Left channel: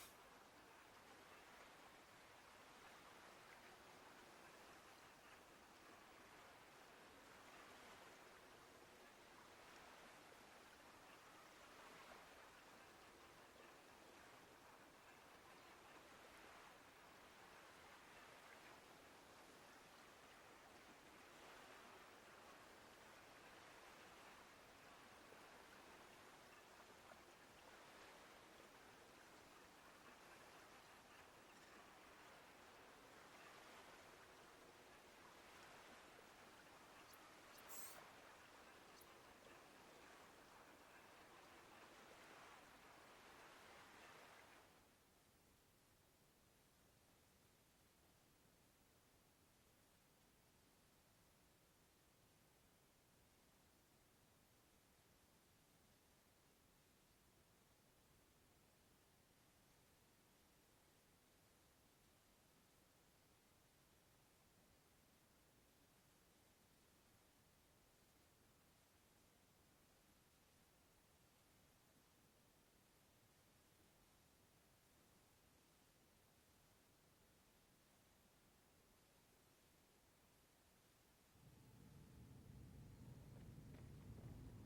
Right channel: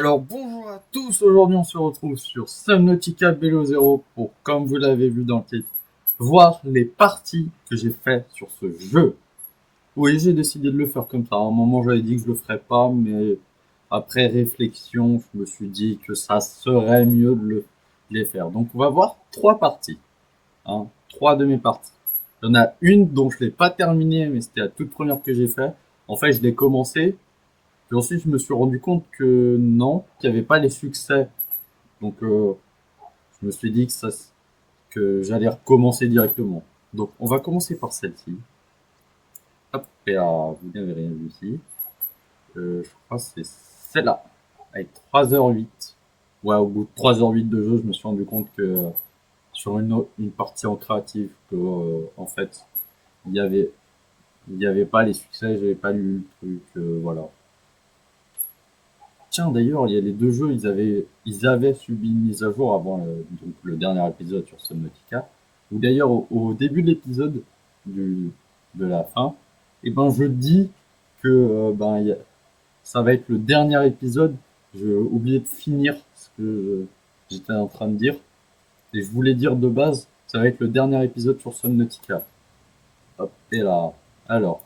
Alors bonjour à tous, aujourd'hui on se retrouve sur Subnautica Below Zero pour, comme vous l'avez vu dans le titre, voir les parties que j'ai fait sur ce jeu. Oui, j'ai décidé de le faire comme ça. À un moment j'avais dit que je le ferais pas, mais après réflexion, je me suis dit que ça serait mieux de les faire. Donc on va voir trois parties, hein, trois de mes parties. Il y en a une dont je l'ai pas terminée, mais c'était la toute première que j'ai fait. En fait, je l'ai commencé, puis ensuite je me suis rendu compte que non, qu'il n'y avait pas les succès. Donc, je me suis dit que j'allais recommencer directement. Donc, on va commencer par celle-ci. Hop, et là, vous n'avez rien vu ici. Je crois que c'est celle-là, avec 3h08. Ouais, au bout de 3h08 de jeu, je me suis rendu compte que sur une partie en créatif, que en fait, il y avait, il y avait pas les succès, j'avais pas lu le truc, voilà. Tiens, d'ailleurs, il y a les deux jeux, ils avaient subi une mise à jour avant donc le dernier épisode sur Subnautica. Ou d'ailleurs, au début de l'épisode du, de la fin, et ben, je dis que ça va être le dernier épisode. J'ai oublié de finir ce que j'étais en train de dire. Et je voulais dire de base, ça va être le dernier épisode sur Subnautica. Hop, et là. Alors,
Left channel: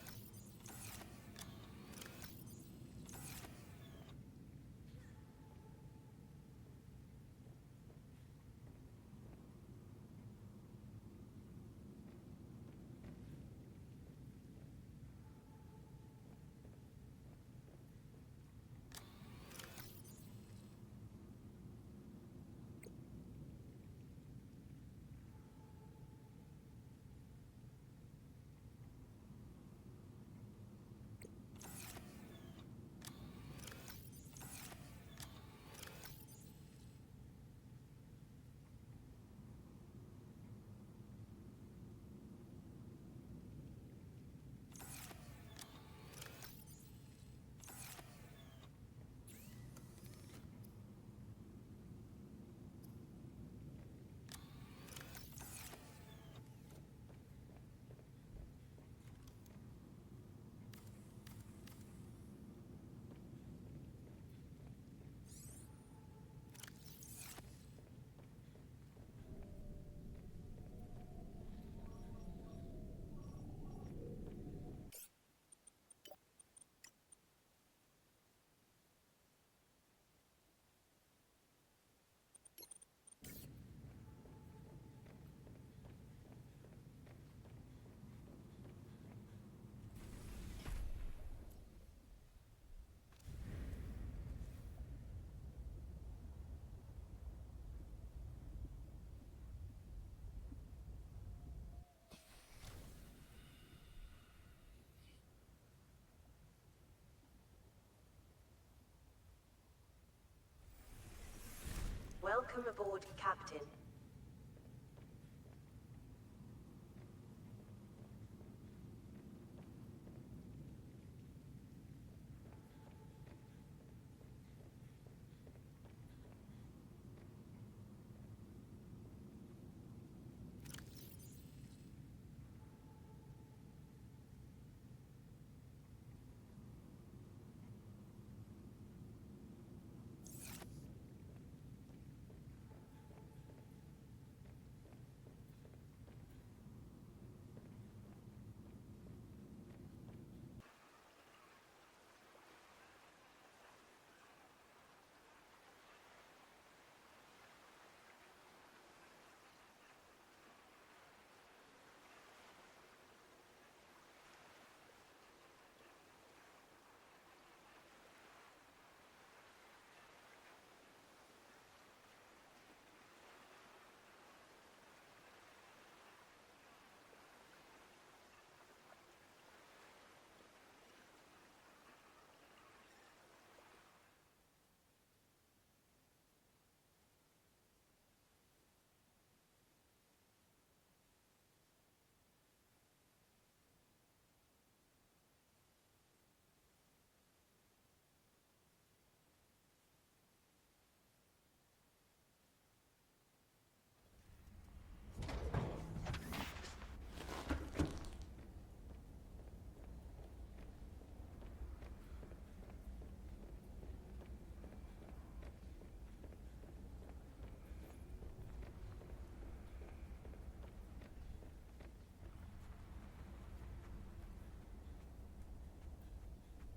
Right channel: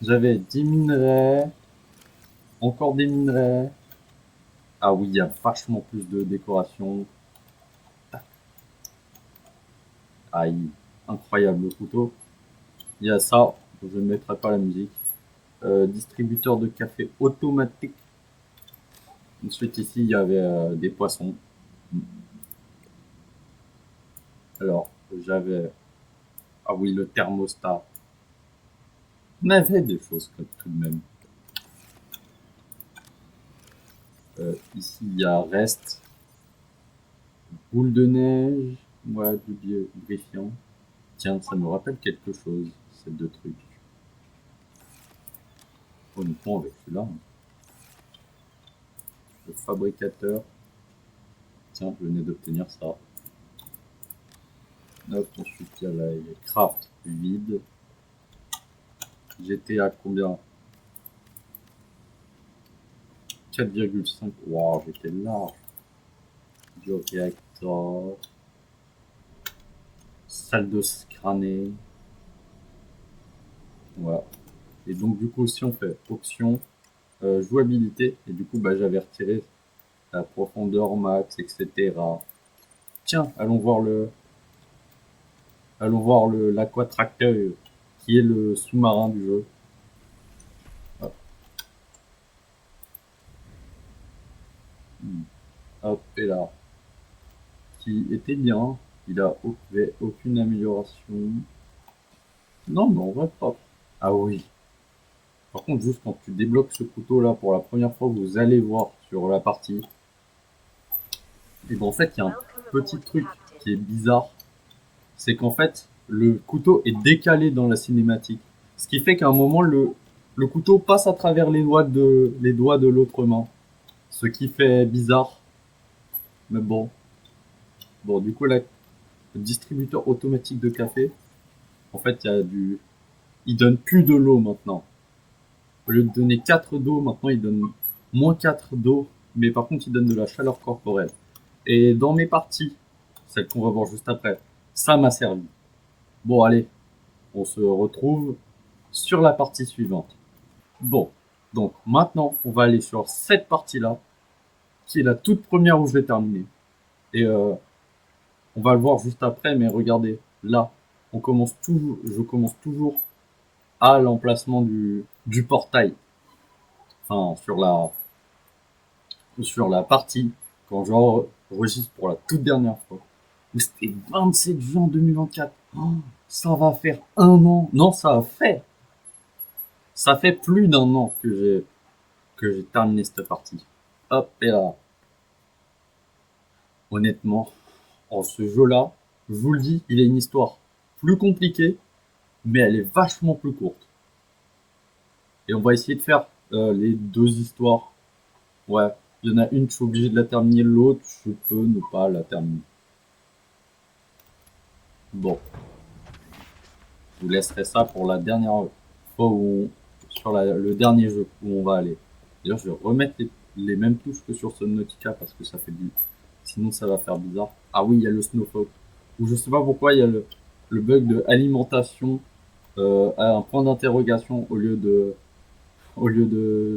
j'avais 10 minerais, encore des minerais. Ah oui, il y a vachement plus de décoration. Aïe, incroyable le couteau. Il y a ça, je ne mettrai pas la musique. Distributeur de café automatique. Ensuite ici, il y avait des poissons. Alors, j'avais... Ah oui, le thermostat. On avait des choses comme tout de même. Ici, il y a reste. Boule de neige. Ouais, du lubrifiant. Tiens, ça me rappelle quelque chose, ces deux trucs. Honnêtement, avec celui-là, hein. Le fabricateur. Tiens, je venais d'obtenir ça. Hop, ensuite il y a les craft vide. J'étais à combien? 4,5. Waouh, j'étais large. Du réacteur. Salle de crânée. Voilà. Et donc du coup si on fait option, jouabilité, et du coup bah, j'avais retiré la profondeur max, etc. Tiens, allons voir l'aquatracteur qui est le sous-marin du jeu. Hop, hop, et là. Qui était bien. Il avait aucune amélioration. Non, mais en vrai, pas. Ah oui. Par contre, juste quand tu débloques ce couteau-là pour la première fois, vous allez voir sur la partie. Et ben en fait, il y a un petit truc qui est bizarre. C'est qu'en fait, le couteau est décalé dans la cinématique. Ce qui fait qu'à un moment, le couteau passe à travers les doigts de l'autre main. Ce qui fait bizarre. Mais bon. Bon, du coup, là, le distributeur automatique de café, en fait, il donne plus de l'eau maintenant. Au lieu de donner 4 d'eau, maintenant il donne moins 4 d'eau, mais par contre il donne de la chaleur corporelle. Et dans mes parties, celle qu'on va voir juste après, ça m'a servi. Bon allez, on se retrouve sur la partie suivante. Bon, donc maintenant on va aller sur cette partie-là, qui est la toute première où je vais terminer. Et on va le voir juste après, mais regardez, là, je commence toujours à l'emplacement du portail. Enfin, sur la partie, quand j'enregistre pour la toute dernière fois, où c'était 27 juin 2024. Oh, ça va faire un an. Non, ça fait plus d'un an que j'ai terminé cette partie. Hop, et là, honnêtement, en ce jeu-là, je vous le dis, il a une histoire plus compliquée, mais elle est vachement plus courte. Et on va essayer de faire les deux histoires. Ouais, il y en a une, je suis obligé de la terminer, l'autre, je peux ne pas la terminer. Bon, je vous laisserai ça pour la dernière fois sur le dernier jeu où on va aller. D'ailleurs, je vais remettre les mêmes touches que sur Subnautica parce que ça fait du... Sinon ça va faire bizarre. Ah oui, il y a le Snowfall. Ou je sais pas pourquoi il y a le bug de alimentation à un point d'interrogation au lieu de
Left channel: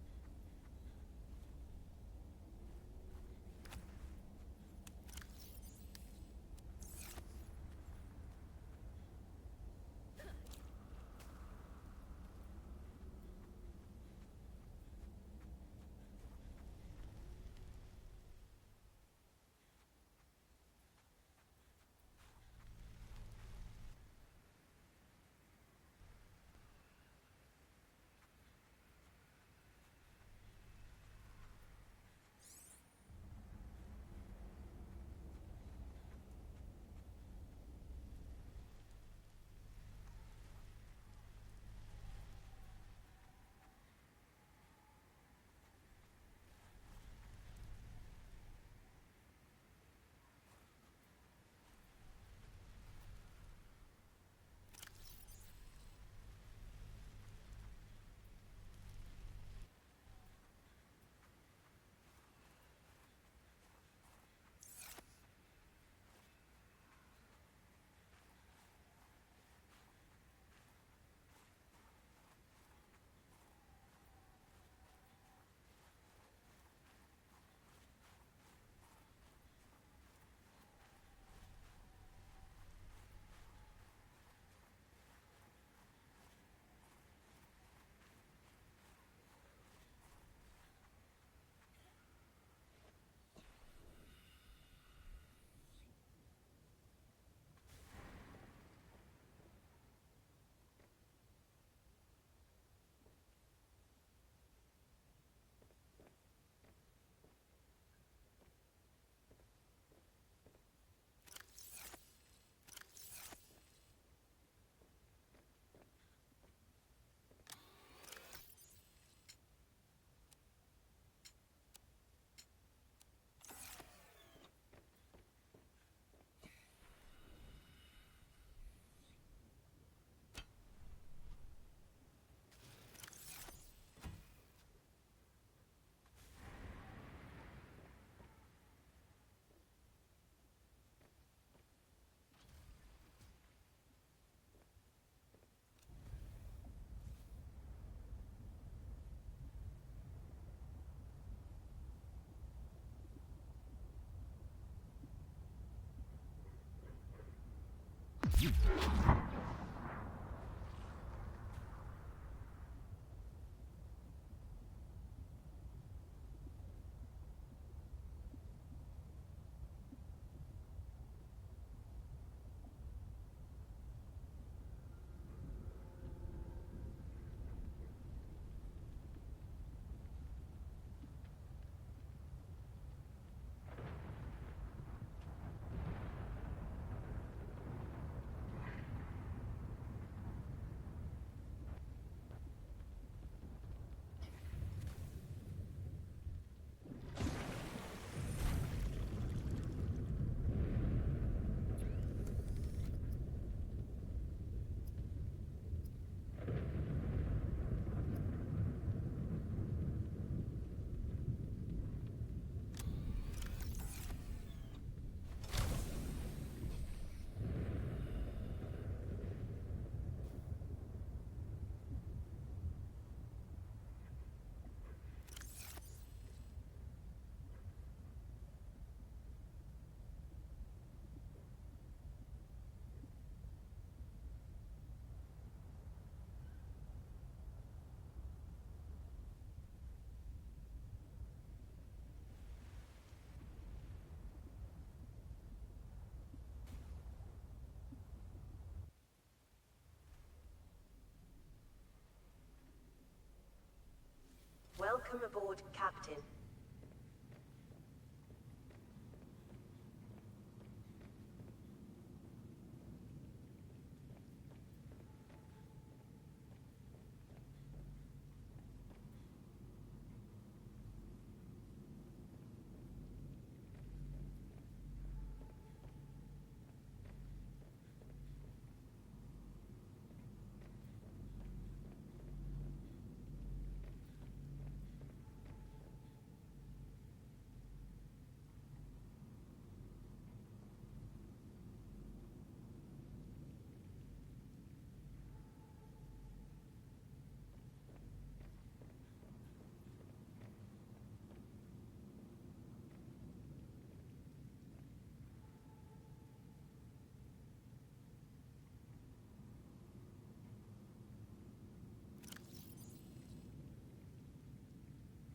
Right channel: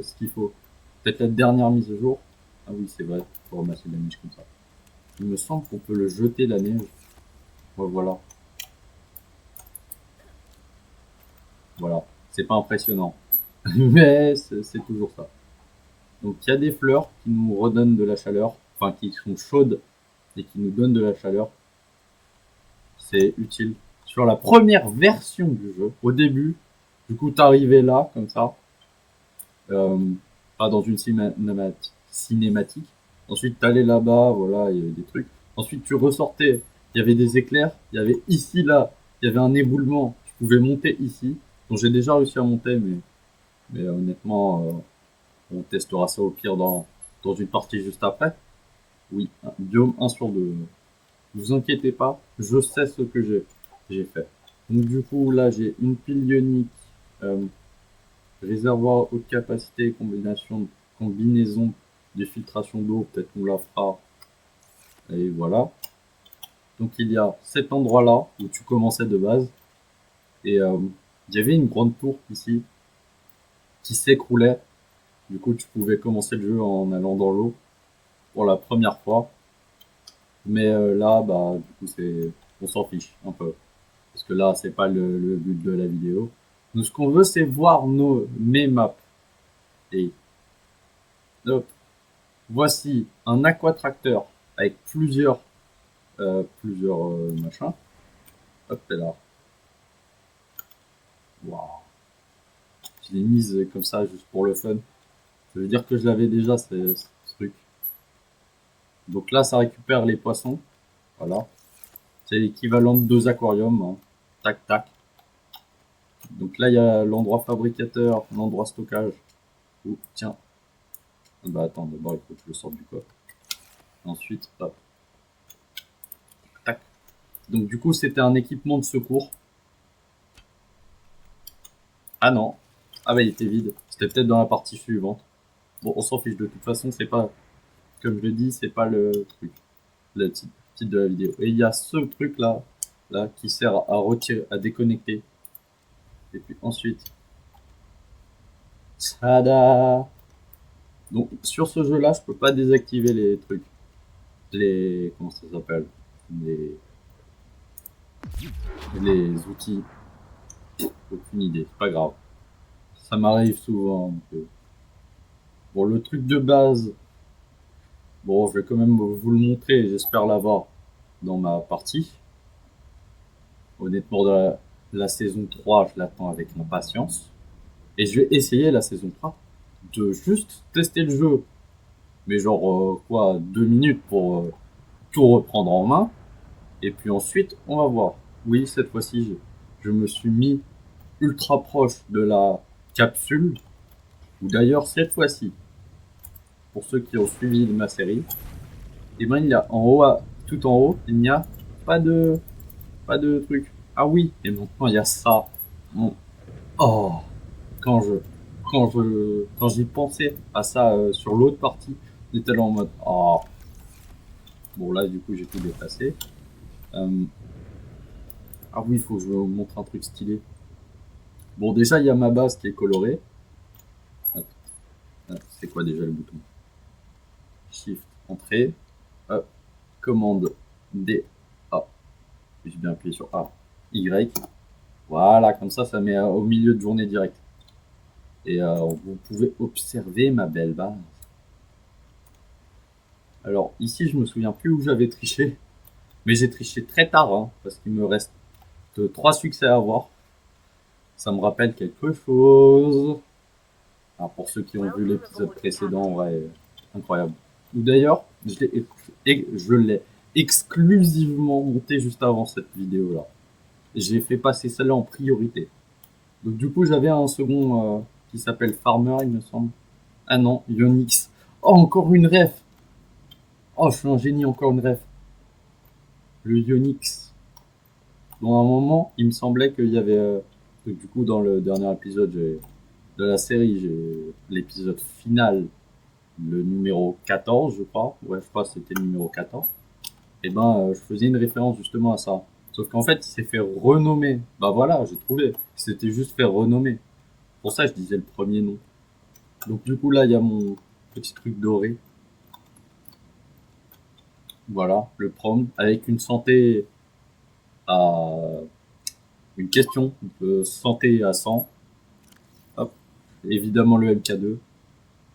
ce qu'il faut. Peut-être la dernière mise à jour. Ah oui, c'est vrai, faut ramasser la neige comme ça. Il me semble qu'on peut le jeter la neige. Ouais, voilà. Voilà. C'est pas impressionnant. Mais c'est toujours ça. Donc il y a des fleurs qui nous redonnent de la chaleur, enfin qui sont chaudes et qui nous donnent de la chaleur. C'est utile. Sur la première version du jeu, au début, du coup t'arrivais là, comme ça, euh, pas dans une cinématique. Ensuite t'allais là-bas, voilà, il y avait des trucs. Ensuite tu ressortais, il y avait des éclairs, il y avait ici, là, il y avait un éboulement, tu pouvais monter ici. Donc j'ai déjà réussi à monter, mais honnêtement, on testera ça au pire dans une partie juste après. Oui, biome 1 sur 2. Ne vous inquiétez pas, je sais ce que j'ai fait. Donc du coup, là, j'ai une pile ionique, euh, réservoir haute capacité, combinaison de filtration d'eau, peut-être qu'on la fera. Et voilà. Donc il y a cet endroit-là où tu commençais de base. Et il y avait une grande tour ici qui s'écroulait. Du coup, tu pouvais commencer le jeu en allant dans l'eau pour la première fois. Mais là, bah, du coup, on s'en fiche un peu. Parce que là, c'est pas le but de la vidéo. Nous, ce qu'on veut, c'est voir mes maps. Et hop, voici un aquatracteur avec plusieurs machins. Hop, c'est là. Waouh. Je l'ai mise comme ça, juste pour le fun. Ça veut dire que je l'avais déjà, ce truc. Donc là, ça récupère les poissons. Voilà. C'est l'équivalent de 2 aquariums, hein. Tac, tac. Donc là, il y a l'endroit fabricateur, l'endroit stockage. Oh, tiens. Bah attends, d'abord, il faut que je le sorte du coffre. Ensuite, hop. Tac. Donc du coup, c'était un équipement de secours. Ah non. Ah bah, il était vide. C'était peut-être dans la partie suivante. Bon, on s'en fiche. De toute façon, c'est pas, comme je le dis, c'est pas le truc. Le titre de la vidéo. Et il y a ce truc-là, là, qui sert à retirer, à déconnecter. Et puis ensuite, tada! Donc sur ce jeu-là, je peux pas désactiver les trucs. Comment ça s'appelle? Les, les outils. Aucune idée, c'est pas grave. Ça m'arrive souvent. Bon, le truc de base, bon, je vais quand même vous le montrer, j'espère l'avoir dans ma partie. Honnêtement, la saison 3, je l'attends avec impatience. Et je vais essayer la saison 3 de juste tester le jeu. Mais genre, quoi, 2 minutes pour tout reprendre en main. Et puis ensuite, on va voir. Oui, cette fois-ci, je me suis mis ultra proche de la capsule. Ou d'ailleurs, cette fois-ci, pour ceux qui ont suivi ma série, et ben il y a en haut, tout en haut, il n'y a pas de, pas de truc. Ah oui, et maintenant il y a ça. Bon. Oh, quand je, quand j'y pensais à ça sur l'autre partie, j'étais là en mode, oh. Bon là, du coup, j'ai tout déplacé. Euh, ah oui, il faut que je vous montre un truc stylé. Bon, déjà, il y a ma base qui est colorée. C'est quoi déjà le bouton? Shift, entrée. Hop, commande D, A. J'ai bien appuyé sur A, Y. Voilà, comme ça met au milieu de journée direct. Et vous pouvez observer ma belle base. Alors ici, je me souviens plus où j'avais triché. Mais j'ai triché très tard, hein, parce qu'il me reste 3 succès à avoir. Ça me rappelle quelque chose. Alors, pour ceux qui ont vu l'épisode précédent, ouais, incroyable. Ou d'ailleurs, je l'ai exclusivement monté juste avant cette vidéo-là. J'ai fait passer celle-là en priorité. Donc du coup, j'avais un second qui s'appelle Farmer, il me semble. Ah non, Ionix. Oh, encore une ref. Oh, je suis un génie, encore une ref. Le Ionix. Dans un moment, il me semblait qu'il y avait... du coup, dans le dernier épisode de la série, l'épisode final le numéro 14, je crois. Ouais, je crois que c'était le numéro 14. Et ben, je faisais une référence justement à ça. Sauf qu'en fait, il s'est fait renommer. Bah voilà, j'ai trouvé. C'était juste fait renommer. Pour ça, je disais le premier nom. Donc du coup, là, il y a mon petit truc doré. Voilà, le prom, avec une santé à... Une question, santé à 100. Hop. Évidemment le MK2.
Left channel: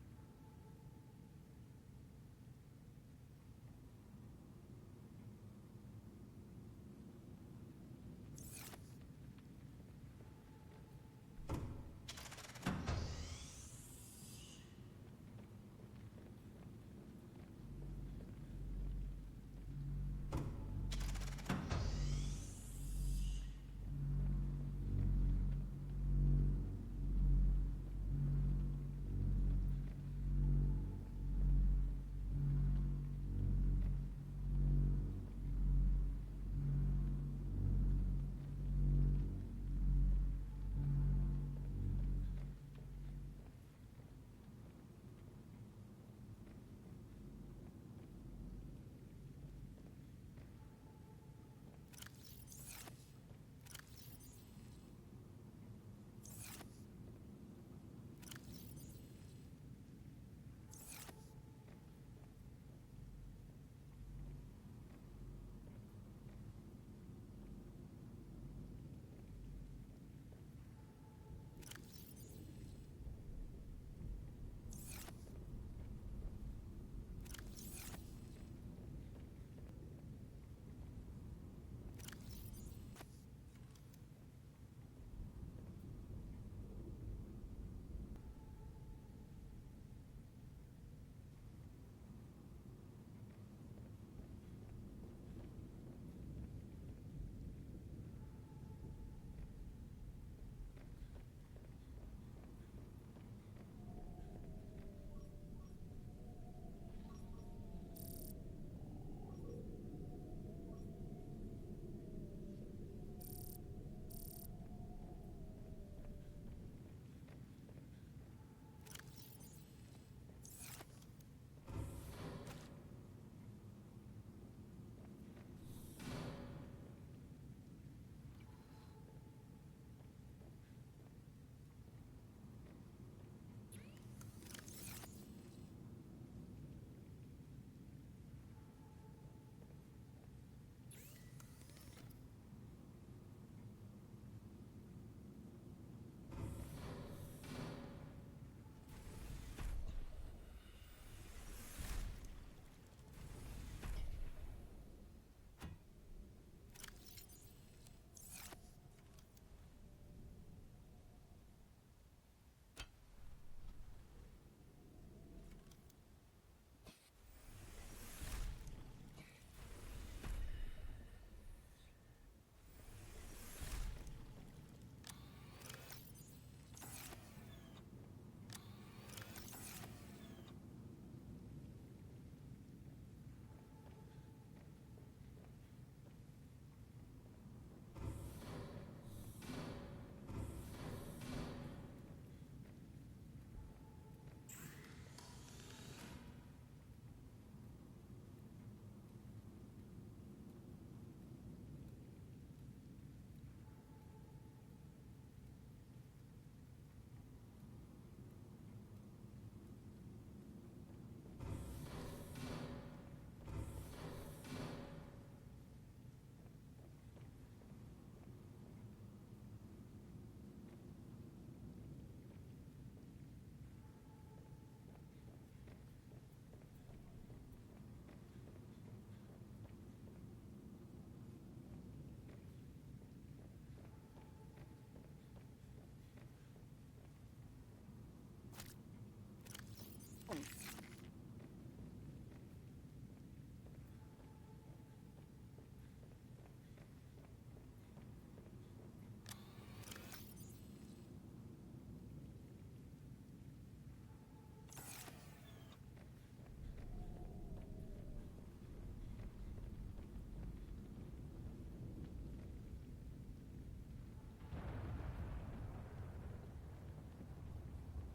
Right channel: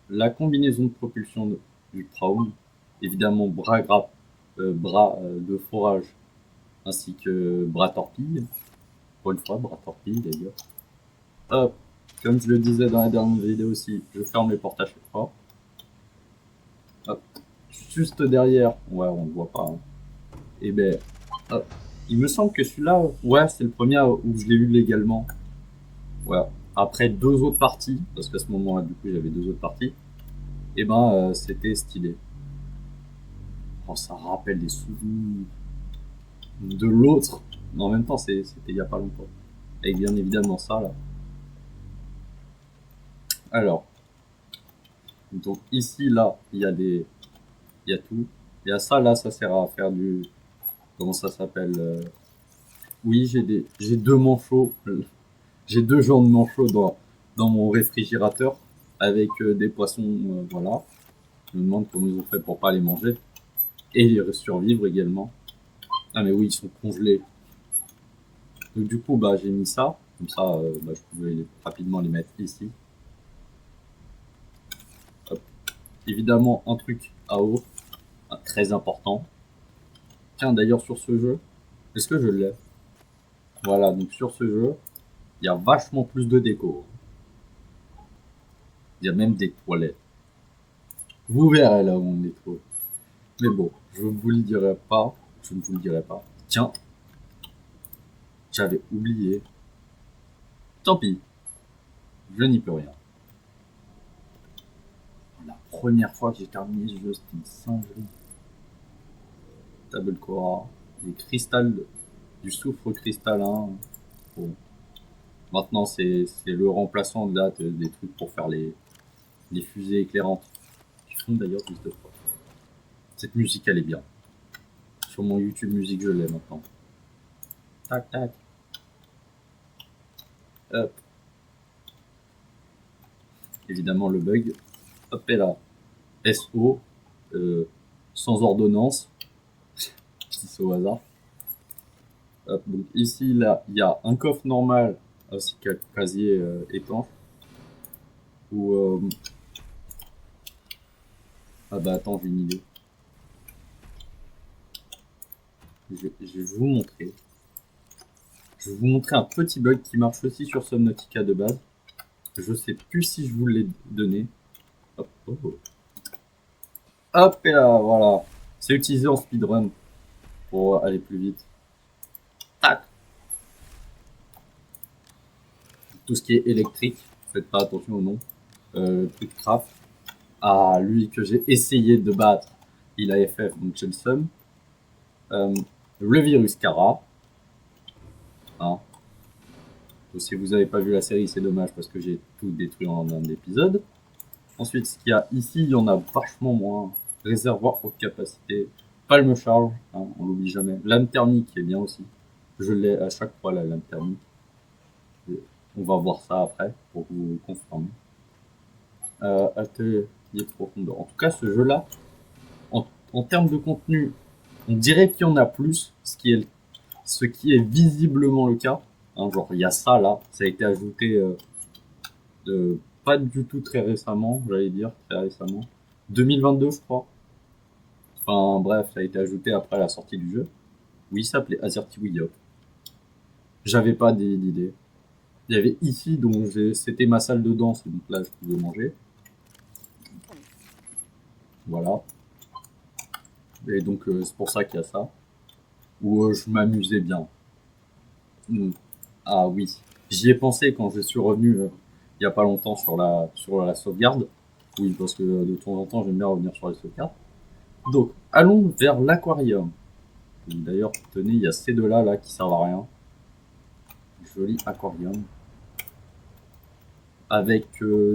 La combinaison de propulsion du Praum. Évidemment bras de forage ainsi que bras torpille. Pour une fois, bras torpille d'ailleurs. Hop, comme je le disais dans la dernière vidéo aussi, je ferme les portes à chaque fois. Hop, juste derrière, ouais, on ne voit pas. Hein. Et ben, hop. Il me semble que celui-là, ouais, c'est le premier où je l'ai eu légalement. Ouais. Après deux autres parties, parce qu'à ce moment-là, du coup, j'avais deux autres parties, et ben, c'était stylé. Oh, ça rappelle des souvenirs de l'autre. Mais en même temps, c'était il y a pas longtemps. Avec bien évidemment ça, là. Alors, donc ici, là, il y a tout. Il y a ça, là, ça sert à faire du, comment ça s'appelle oui, j'ai deux manchots, j'ai deux jambes de manchots dans mon réfrigérateur avec des poissons, voilà. Je me demande comment ils ont fait pour pas les manger et les survivre également. Ah mais oui, ils sont congelés. Donc du coup, bah j'ai mis ça, comme ça, bah, je pouvais rapidement les mettre ici. Hop. Évidemment, un truc à eau, très important. Tiens, d'ailleurs sur ce jeu, est-ce que je l'ai? Voilà, donc sur ce jeu, il y a vachement plus de déco. Il y a même des toilettes. Vous verrez là où on est trop. Mais bon, je ne vous le dirai pas. Je ne vous le dirai pas. Tiens, j'avais oublié. Tant pis, je n'y peux rien. La première fois que j'ai terminé ce jeu, c'était une singerie. Table Cora, des cristals, du soufre cristallin. Bon. Maintenant, c'est le remplaçant de là, des trucs pour faire les fusées éclairantes. Qui font d'ailleurs plus de fois. Cette musique, elle est bien. Sur mon YouTube Musique, je l'ai maintenant. Tac, tac. Hop. Évidemment, le bug. Hop, et là. SO. Sans ordonnance. Je dis ça au hasard. Hop, donc ici, là, il y a un coffre normal ainsi qu'un casier étanche. Ou ah bah attends, j'ai une idée. Je vais vous montrer. Je vais vous montrer un petit bug qui marche aussi sur Subnautica de base. Je sais plus si je vous l'ai donné. Hop, hop, hop. Hop, et là, voilà. C'est utilisé en speedrun pour aller plus vite. Tac. Tout ce qui est électrique, faites pas attention au nom. Truc craft. Ah, lui que j'ai essayé de battre, il a FF, donc j'ai le seum. Le virus Kara. Hein. Si vous n'avez pas vu la série, c'est dommage parce que j'ai tout détruit en un épisode. Ensuite, ce qu'il y a ici, il y en a vachement moins. Réservoir haute capacité. Palme charge, hein, on l'oublie jamais. Lame thermique est bien aussi. Je l'ai à chaque fois la lame thermique. On va voir ça après pour vous confirmer. Atelier de profondeur. En tout cas, ce jeu-là, en termes de contenu, on dirait qu'il y en a plus, ce qui est visiblement le cas. Hein, genre, il y a ça là, ça a été ajouté pas du tout très récemment, j'allais dire, très récemment. 2022, je crois. Enfin, bref, ça a été ajouté après la sortie du jeu. Oui, ça s'appelait Azerty Wiyop. J'avais pas d'idée. Il y avait ici, donc c'était ma salle de danse, donc là, je pouvais manger. Voilà. Et donc, c'est pour ça qu'il y a ça. Où je m'amusais bien. Ah oui, j'y ai pensé quand je suis revenu il y a pas longtemps sur la sauvegarde. Oui, parce que de temps en temps, j'aime bien revenir sur les sauvegardes. Donc, allons vers l'aquarium. D'ailleurs, tenez, il y a ces deux-là là, qui servent à rien. Joli aquarium. Avec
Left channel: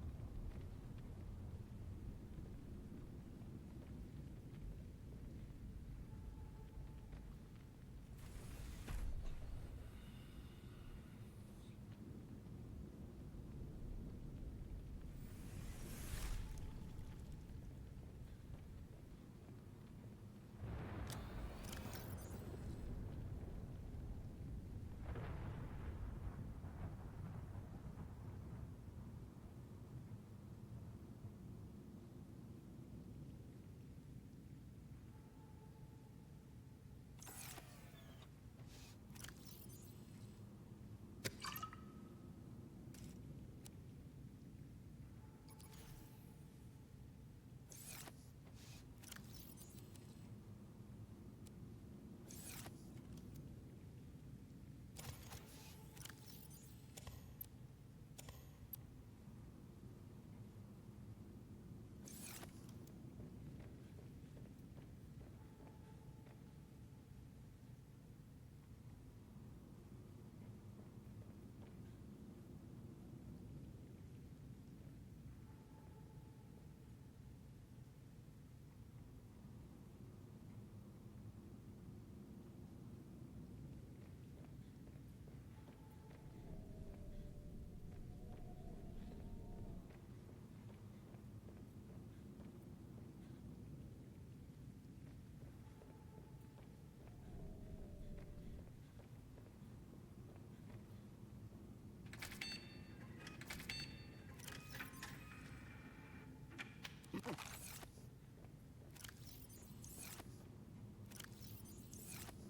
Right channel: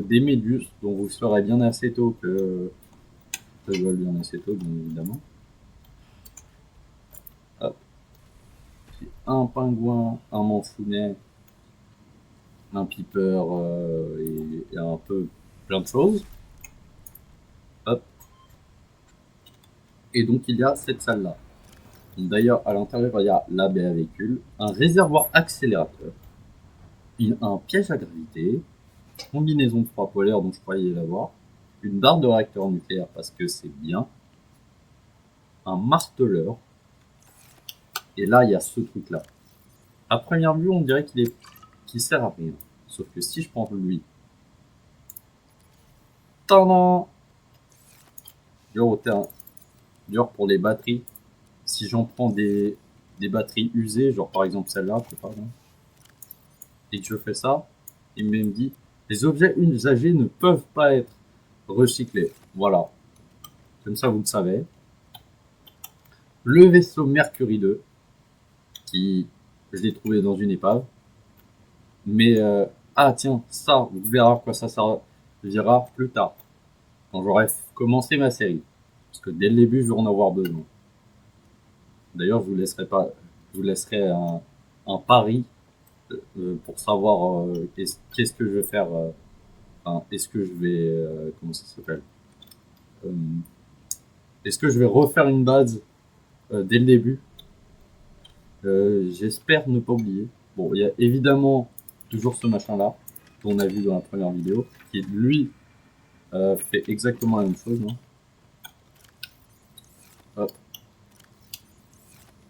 des méduses, dont vous saurez bien assez tôt que Ça doit lui en acéto, bien évidemment. Hop. Un pingouin, un manfounet, un piper et un peu plein de choses. Hop. Et donc il y a cette salle-là. D'ailleurs, à l'intérieur, il y a la baie à véhicule, un réservoir accélérateur, un piège à gravité, combinaison de froid polaire dont je croyais l'avoir, une barre de réacteur nucléaire parce que c'est bien, un marteleur, et là, il y a ce truc-là. À première vue, on dirait qu'il sert à rien. Sauf que si je prends lui, tendant, genre pour les batteries, si j'en prends des batteries usées, genre par exemple celle-là, je sais pas, hein, et que je fais ça, il me dit les objets usagés ne peuvent pas être recyclés. Voilà, comme ça vous le savez. Le vaisseau Mercury 2, qui je l'ai trouvé dans une épave, mais ah tiens, ça, vous verrez à quoi ça servira plus tard, quand j'aurai commencé ma série, parce que dès le début, je vais en avoir besoin. D'ailleurs, je vous laisserai un pari pour savoir qu'est-ce que je vais faire. Enfin, est-ce que je vais comment ça s'appelle euh, est-ce que je vais refaire une base dès le début. J'espère ne pas oublier. Bon, il y a évidemment toujours ce machin-là qu'on a vu dans la première vidéo, qui lui fait exactement la même chose. Hein. Hop.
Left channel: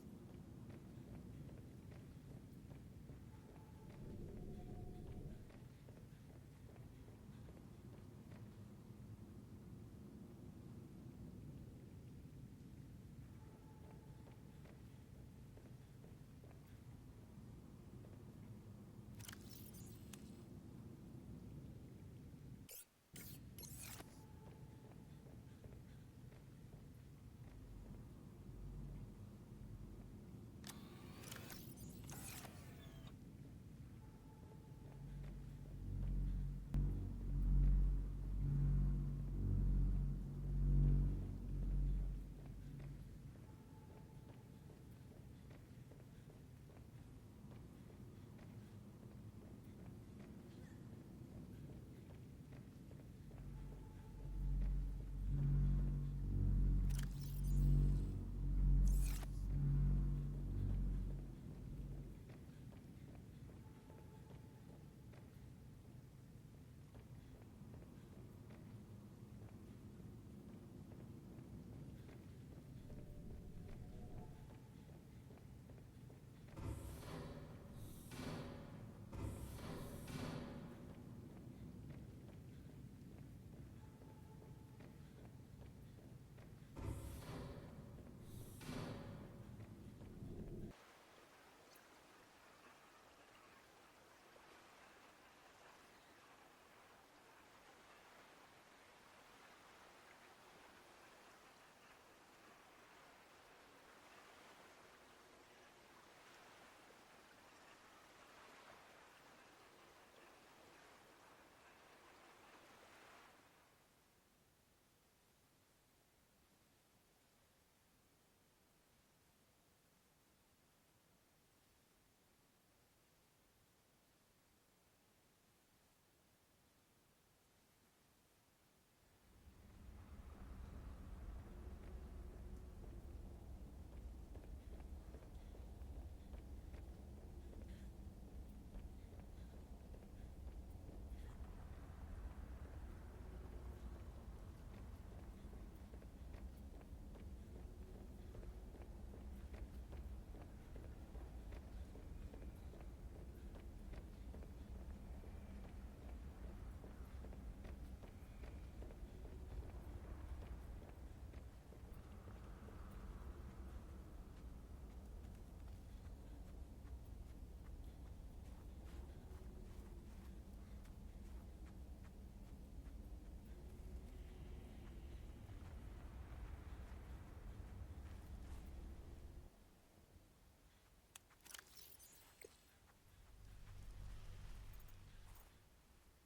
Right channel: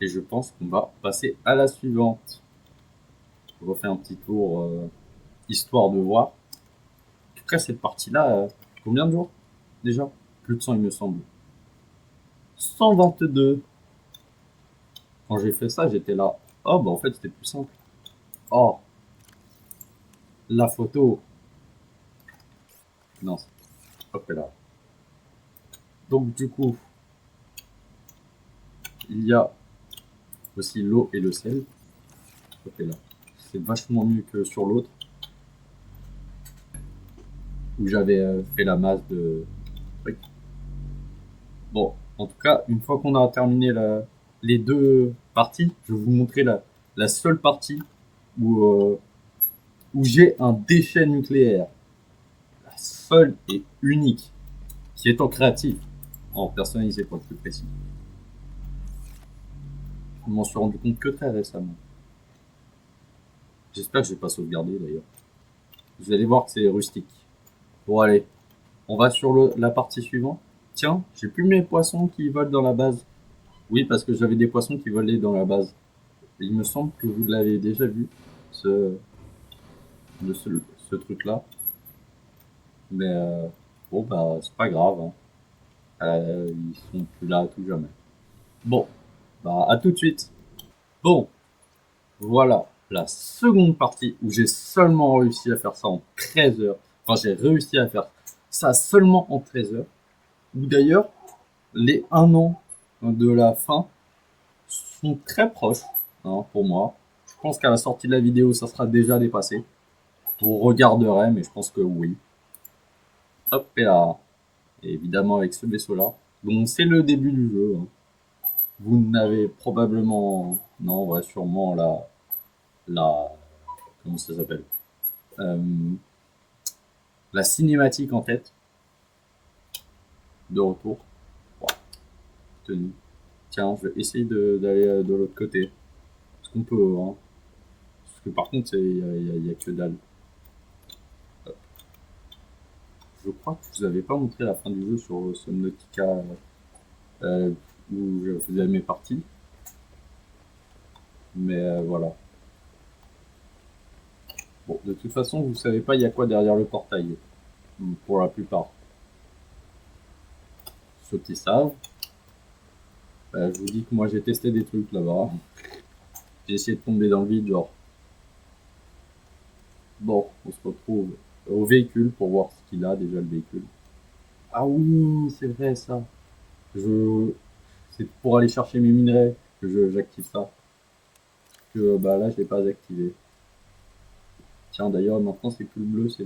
Et je pense qu'on va passer à la suivante. Je refais un petit tour histoire de voir. En tout cas, cette partie-là, combien de jours déjà? Plus de 100, il me semble. 122. Quand j'ai fait ça, j'étais là. Oh, bah en fait, c'était plus simple. Oh, la photo. Non, c'est pas là. Donc, du coup, il y a aussi l'eau et le sel. Là. C'est vachement mieux que sur l'autre. Où j'avais fait la masse de. Oui. Bon, en tout cas, une fois qu'on a terminé les deux parties, je vais vous montrer la seule partie où, où j'ai un déchet nucléaire. La seule et unique, qui est en créatif, en personnalisé pour être plus précis. Je m'en suis rendu compte que très récemment. J'espère que je vais pas sauvegarder d'ailleurs. Vous allez voir que c'est rustique. Bon allez, on va sur la partie suivante. Tiens, j'ai plus mes poissons qui volent dans la base. Oui, parce que j'avais des poissons qui volaient dans la base. Et il me semble que vous l'avez déjà vu, ce, ce, ce truc-là. Mais bon, bah, c'est pas grave. Hein. Ils sont plus là à tout jamais. Bon, bah, à tout de suite. Bon, voilà la seconde partie où j'ai seulement réussi à faire ça en 13 heures. Enfin, j'ai réussi à faire ça seulement en 13 heures. Ou d'ailleurs, les 1 an de la fin sont très proches hein, pour moi. Je pense qu'à la sortie de la vidéo, ça sera déjà dépassé. Vous regarderez, mais je pense que oui. Hop, et là. Et évidemment avec ce vaisseau-là. Donc c'est le début du jeu. Hein. Vous n'avez probablement... Non, ouais, sûrement la... Comment ça s'appelle euh, la cinématique en tête. De retour. Wow. Tenue. Tiens, je vais essayer d'aller de l'autre côté. Parce qu'on peut, hein. Parce que par contre, il y a que dalle. Je crois que je vous avais pas montré la fin du jeu sur Subnautica euh, où je faisais mes parties. Mais voilà. Bon, de toute façon, vous savez pas il y a quoi derrière le portail. Pour la plupart. Ceux qui savent. Je vous dis que moi j'ai testé des trucs là-bas. J'ai essayé de tomber dans le vide, genre. Bon, on se retrouve au véhicule pour voir ce qu'il a déjà le véhicule. Ah oui, c'est vrai ça. C'est pour aller chercher mes minerais que j'active ça. Que bah là je l'ai pas activé. Tiens d'ailleurs maintenant c'est plus le bleu, c'est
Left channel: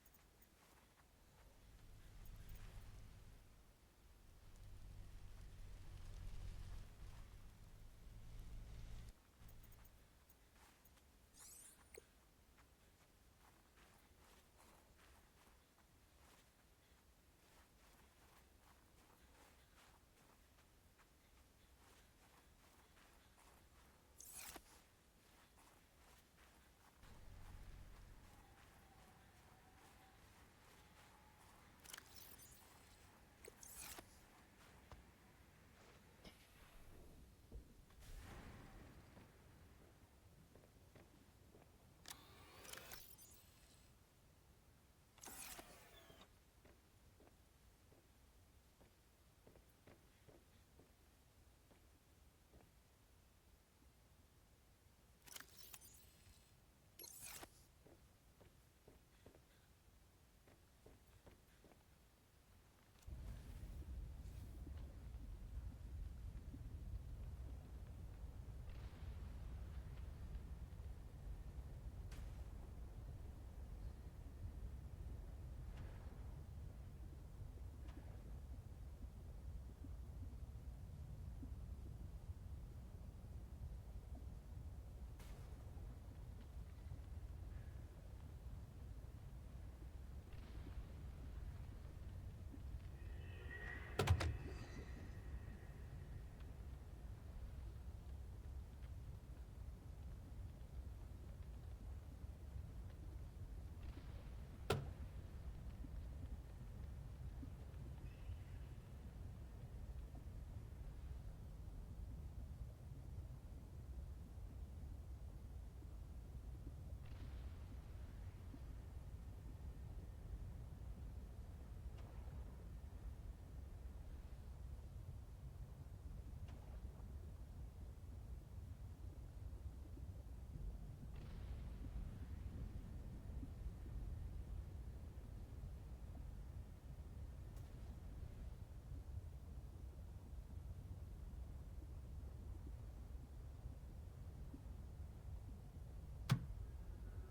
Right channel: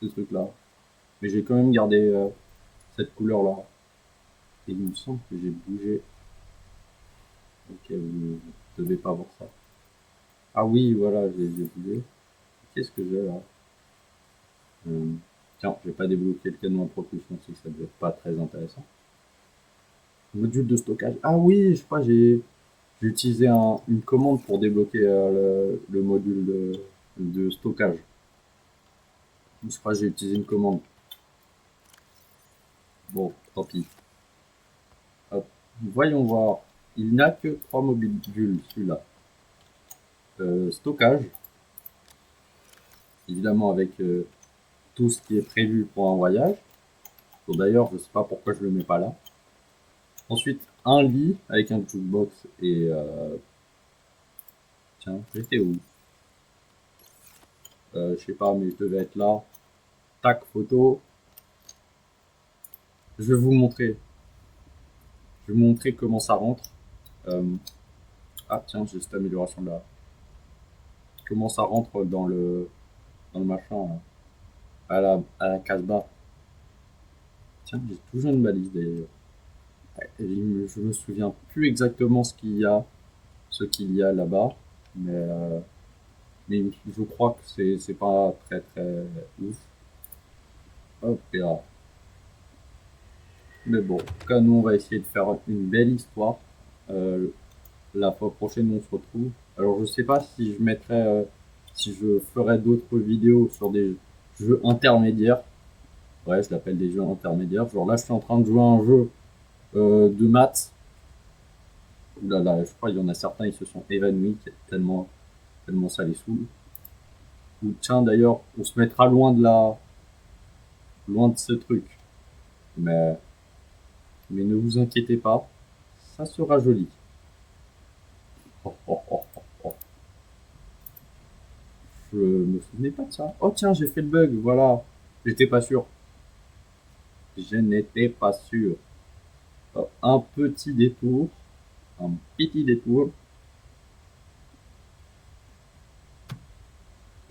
ce truc là. Mais j'ai quand même gardé cette couleur là. Et il me semble que j'ai bougé. Ok, vous ne devez pas voir ça. Ah oui, voilà, j'ai bougé. Qu'est-ce que j'ai là? Tiens, je vais pas débloquer le canon à propulsion, si ça devait être pas très intéressant. Module de stockage. Ah oui, je crois que j'ai utilisé une commande pour débloquer le module de stockage. Je crois que j'ai utilisé une commande. Bon, tant pis. Hop. Voyons voir. Il n'a que 3 modules, celui-là. Stockage. Évidemment avec tout ce qui est prévu pour un voyage. D'ailleurs, je sais pas pourquoi je le mets pas là. Ensuite, un lit avec un jukebox et... tiens, j'étais où? Je sais pas, mais je devais être là. Tac, photo. Je vais vous montrer. Je vais vous montrer comment ça rentre. Ah tiens, j'ai cette amélioration là. Comment ça rentre dans le machin, là, à la Casbah. Tiens, j'ai toujours une balise d'ailleurs. Ouais, je me souviens plus exactement ce qu'il y a là-bas, mais, mais je crois que c'est pas très très ouf. Hop, et là. Mais bon, en tout cas, nous on va essayer de faire une belle histoire. Euh, la fois prochaine, on se retrouve. Alors, je sais pas si je mettrai, si je ferai d'autres vidéos sur des jeux intermédiaires. Ouais, je l'appelle des jeux intermédiaires. Genre là, je suis en train de jouer à un jeu de maths. Ouh là là, je crois qu'il y en a certains, ils se sont évanouis tellement ça les saoule. Ou tiens, d'ailleurs, on se mettra loin de ce truc. Mais, mais ne vous inquiétez pas, ça sera joli. Oh, oh, oh, oh, oh. Je me souvenais pas de ça. Oh tiens, j'ai fait le bug, voilà. J'étais pas sûr. Je n'étais pas sûr. Oh, un petit détour. Un petit détour.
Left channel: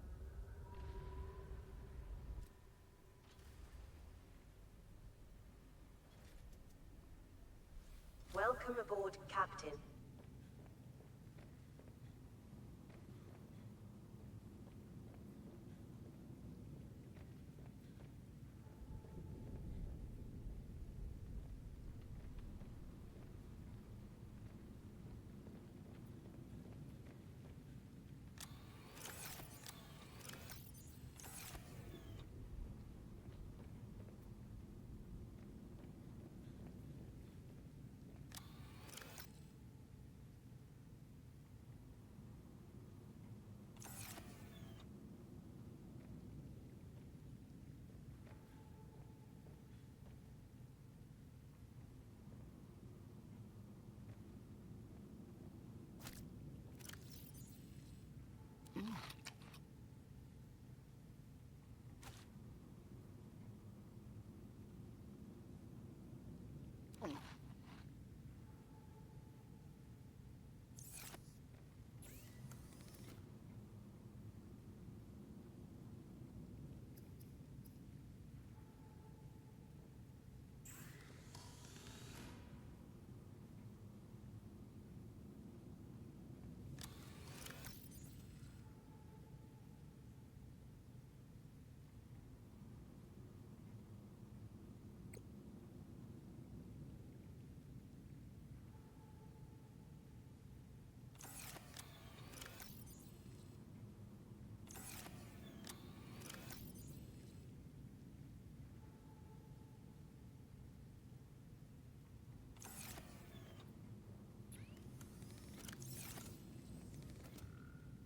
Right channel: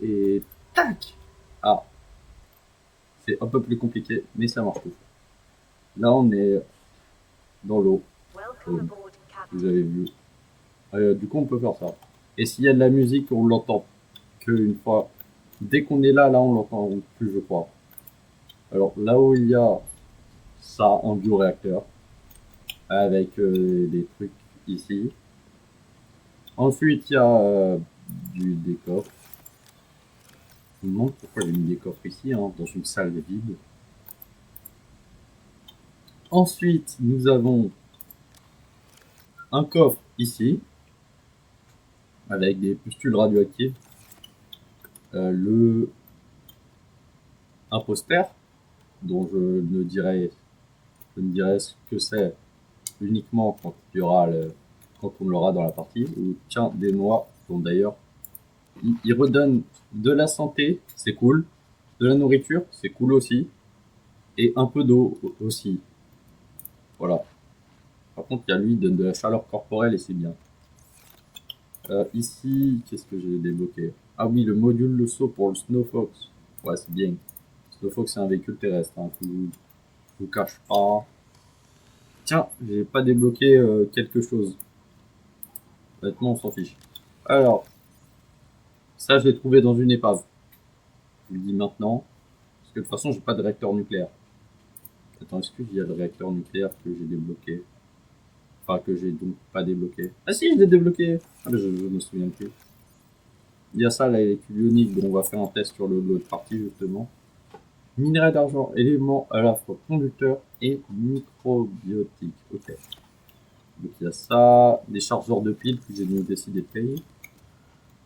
Et tac. Ah, c'est un peu plus compliqué, mais ça marche tout. Là, on est dans l'eau. Vous avez vu. Du coup, on peut faire ça. Et s'il y a de la musique, on l'entend qu'une fois. Dès qu'on est là, on l'entend plus, je crois. Alors, là où il y a ça, un bioréacteur, avec des trucs ici. Ensuite, il y a des coffres. Je me demande pourquoi j'ai mis des coffres ici, hein, dans une salle vide. Ensuite, nous avons un coffre ici, avec des pustules radioactives. Un poster, dont je ne dirai ce que c'est uniquement quand on l'aura dans la partie. Ou tiens, des noix, dont d'ailleurs, il redonne de la santé, c'est cool. De la nourriture, c'est cool aussi. Et un peu d'eau aussi. Voilà. Par contre, il y a lui, il donne de la chaleur corporelle et c'est bien. Ici, qu'est-ce que j'ai débloqué? Ah oui, le module de saut pour le Snowfox. Ouais, c'est bien. Snowfox, c'est un véhicule terrestre. Hein. Je vous cache pas. Tiens, j'ai pas débloqué quelque chose. Honnêtement, on s'en fiche. Alors, ça, je l'ai trouvé dans une épave. Je vous le dis maintenant. Parce que de toute façon, j'ai pas de réacteur nucléaire. Attends, est-ce qu'il y a le réacteur nucléaire que j'ai débloqué? Enfin, que j'ai donc pas débloqué. Ah si, je l'ai débloqué. Ah, mais je me souviens plus. Il y a ça, là, l'électrode ionique, dont on va faire un test sur l'autre partie, justement. Minerai d'argent, élément à la fois conducteur et microbiotique. Ok. Donc il y a ça, des chargeurs de piles que j'ai décidé de payer.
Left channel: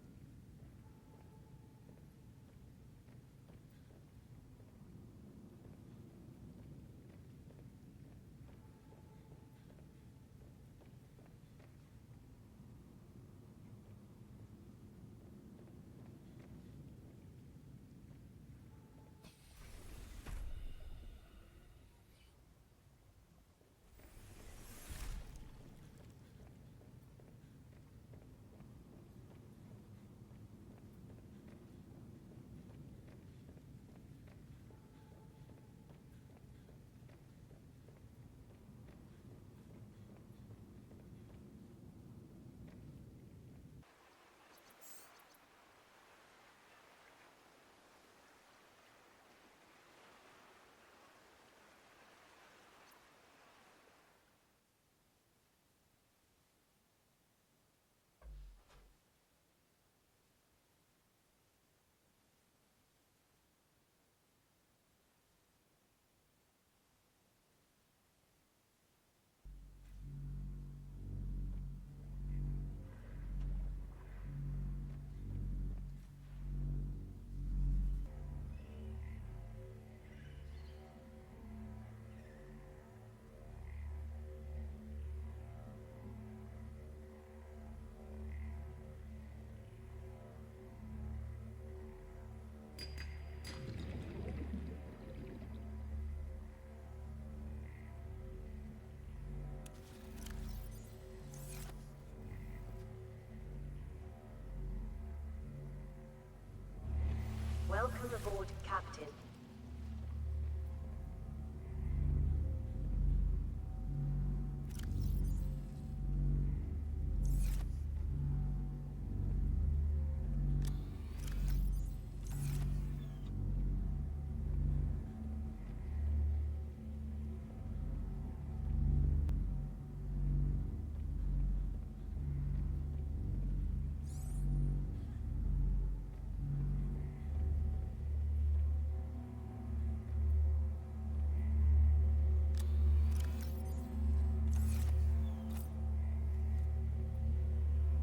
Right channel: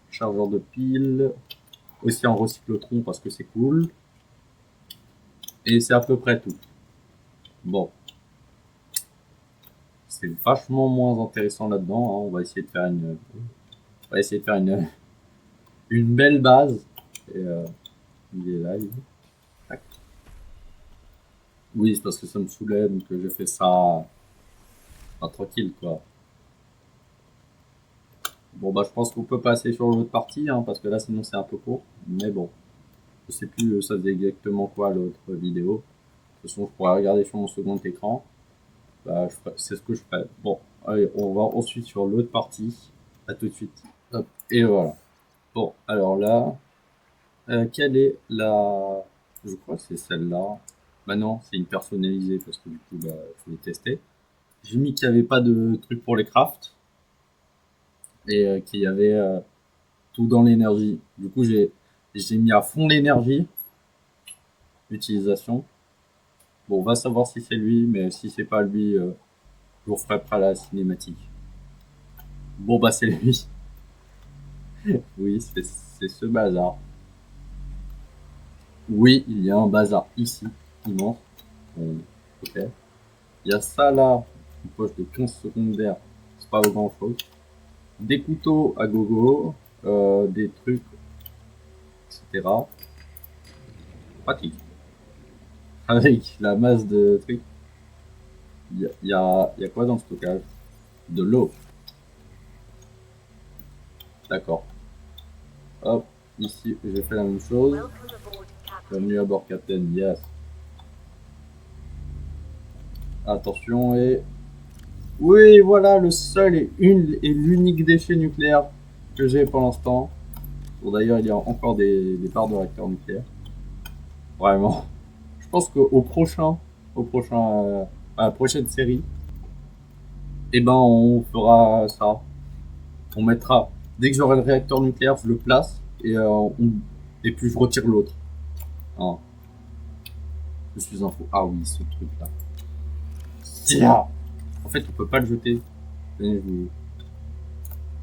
Chargeur de piles, aussi en recyclotron parce que c'est cool. Et c'est à peu près tout. Bon. C'est vachement moins intéressant là-dedans. Hein. On va essayer de faire une belle base. Et il est là, il est. Tac. Oui, c'est parce que ça me saoulait, donc j'ai fait ça tranquille, quoi. Bon, bah, je pense qu'on peut passer sur l'autre partie, hein, parce que là, sinon, c'est un peu court. Mais bon, je sais plus, ça faisait exactement quoi l'autre vidéo. De toute façon, je pourrais regarder sur mon second écran. Bah, c'est ce que je ferai. Bon, allez, on va ensuite sur l'autre partie. À tout de suite. Hop, et voilà. Bon, alors là, quelle est la... Je crois que c'est celle-là. Bah non, c'est une personnalisée parce que du coup, bah, je l'ai testé. J'ai mis qu'il n'y avait pas de truc pour les crafts et qu'il y avait tout dans l'énergie. Du coup, j'ai mis à fond l'énergie, l'utilisation. Bon, on va savoir si c'est lui, mais si c'est pas lui, je vous ferai après la cinématique. Bon, bah, c'est lui. Oui, c'est ce bazar. Oui, il y a un bazar ici, immense. Ok. Il y a ça là, une poche de 15 secondaires, c'est pas grand chose. Des couteaux à gogo, des trucs, etc. Pratique. Avec la masse de trucs, il y a quoi dans le stockage? De l'eau. D'accord. Hop, ici, j'ai fait la même chose. Bienvenue à bord, Captain. Yes. Attention, et... Oui, voilà, le seul et l'unique déchet nucléaire que j'ai pour l'instant. Bon, d'ailleurs, il y a encore des barres de réacteurs nucléaires. Vraiment. Je pense au prochain, à la prochaine série, eh ben, on fera ça. On mettra, dès que j'aurai le réacteur nucléaire, je le place et puis je retire l'autre. Hein. Je suis un fou. Ah oui, ce truc-là. Tiens. En fait, on peut pas le jeter.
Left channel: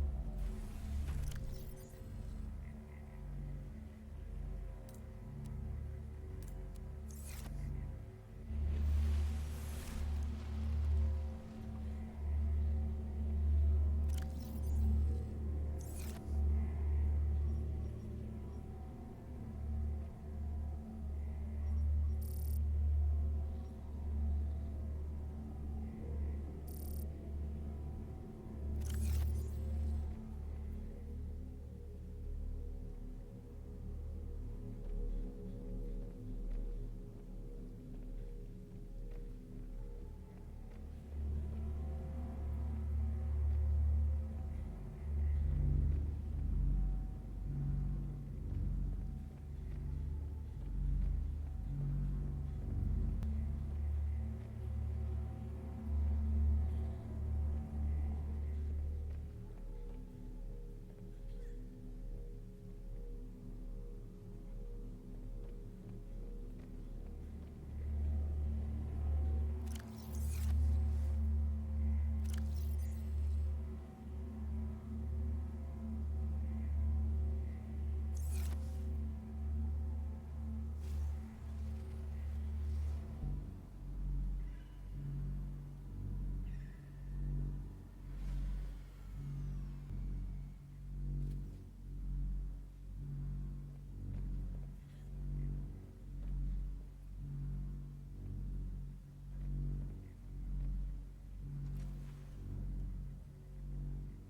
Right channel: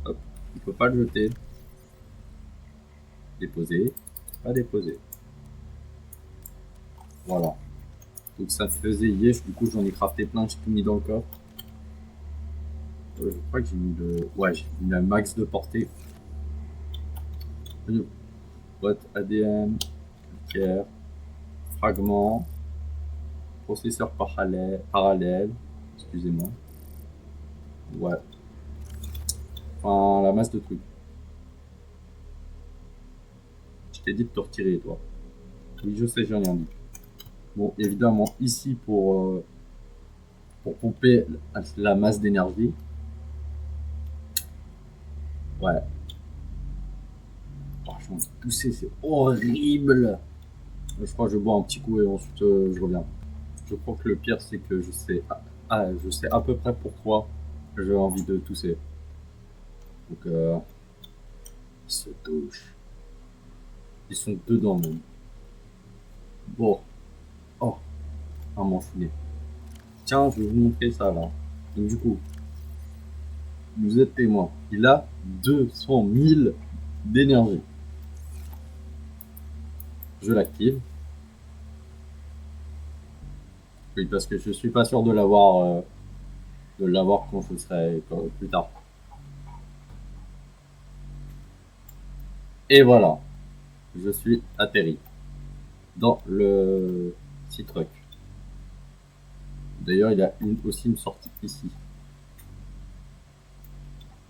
Hop. On peut pas le jeter. Déposer. Pas déposer. Voilà. Donc ça faisait yesh. Du coup, j'en ai crafté plein. J'ai tout mis dans le coffre. Je crois que j'ai mis le... Ouais, j'ai mis un max de portée. Boîte ADN, pierre, fragment, processeur parallèle, excusez-moi. Ouais. Enfin, la masse de trucs. Je t'ai dit de te retirer, toi. Oui, je sais, j'ai rien dit. Bon, évidemment, ici, pour pomper la masse d'énergie. Ouais. Oh, j'ai envie de tousser, c'est horrible. Je crois que je bois un petit coup et ensuite je reviens. Je crois que le pire, c'est que je sais à peu près pourquoi j'ai envie de tousser. Donc, ils se touchent. Ils sont dedans même. Bon. Oh, un manchonnet. Tiens, je vais vous montrer ça là. Donc du coup, vous êtes témoin. Il a 200 000 d'énergie. Je l'active. Oui, parce que je suis pas sûr de l'avoir quand je serai plus tard. Et voilà, je suis atterri dans le Citroën. D'ailleurs, il y a aussi une sortie ici.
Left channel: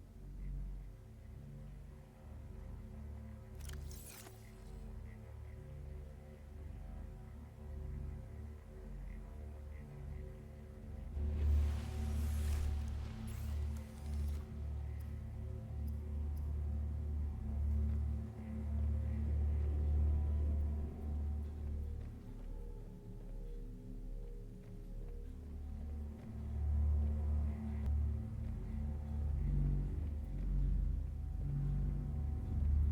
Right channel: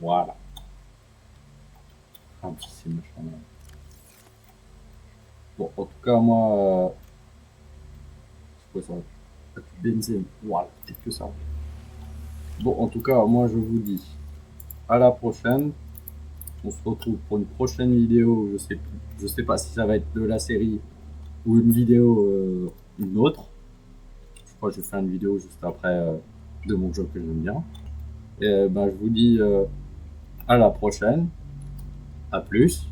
Voilà. Un petit c'est machin. Bon, en tout cas, moi, c'est quoi ça? Benzène. Voilà, peut-être que ça. Bon, en tout cas, moi, je vous dis à la prochaine. On se retrouve pour une prochaine vidéo. Je sais pas si ça va être de la série ou une vidéo, une autre. Je crois que je vais faire une vidéo juste après de mon jeu que j'aime bien. Et ben, je vous dis à la prochaine. À plus.